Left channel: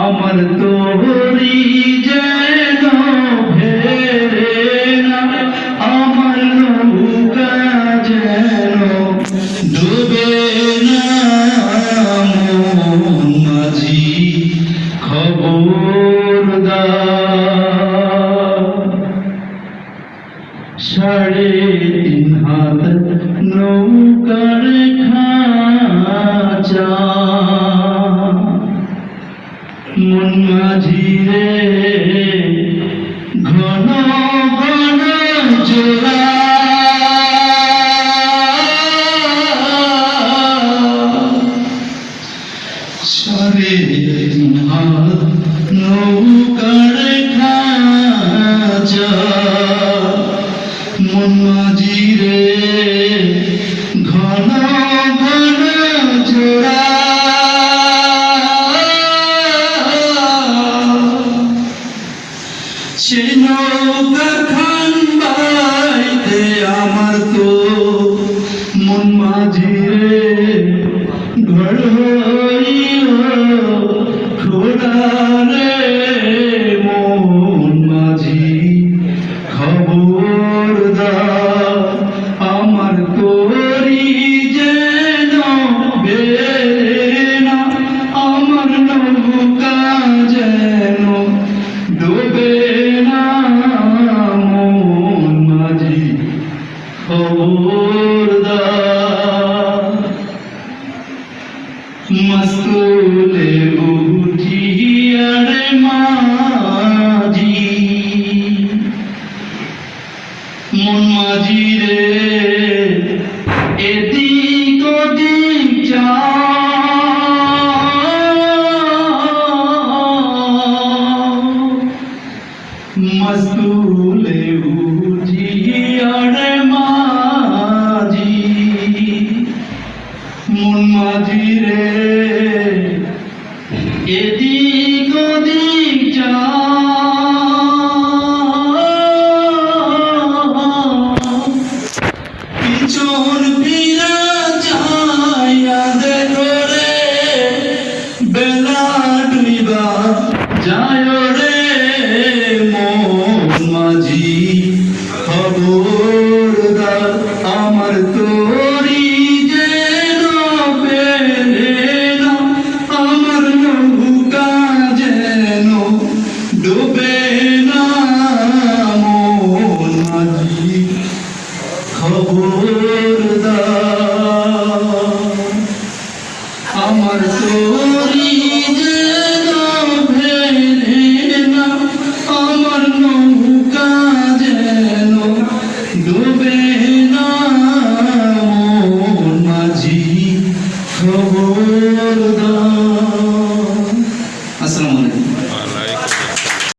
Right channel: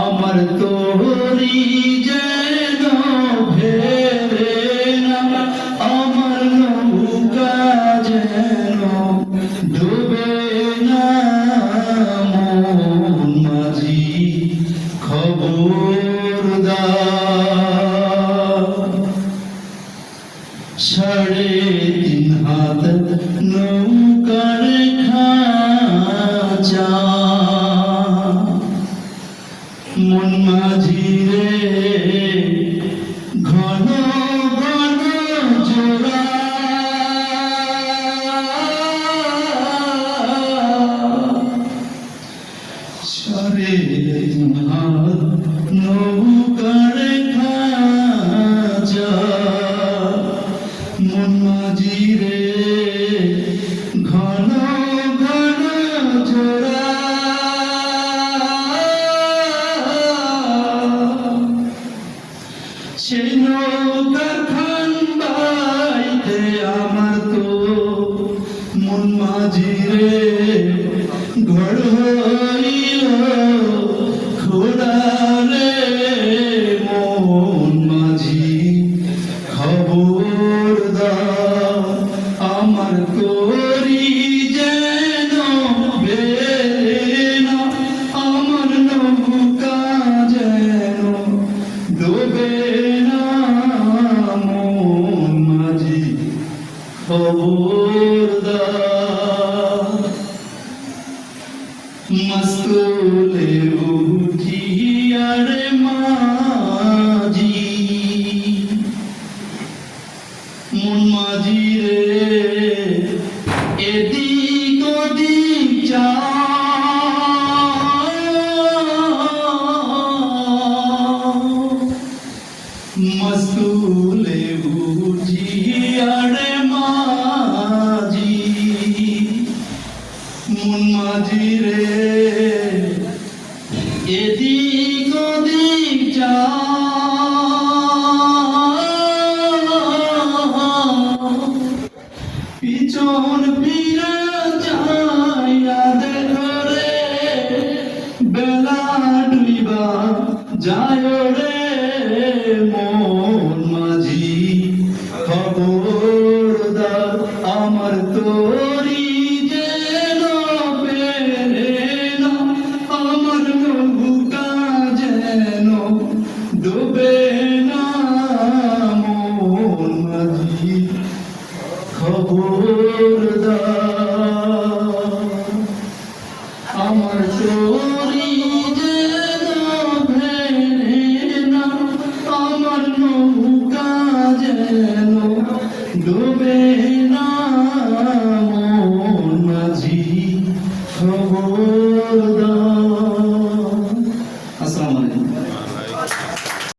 আমার তোরি যেন ফেরে না আমার নৌকা যেন ডুবে না মাঝি খবর শেষ মস্তুলে উঠিয়ারে মাঝি মন মাঝি রে এদিক ডুবে না মন খবরদার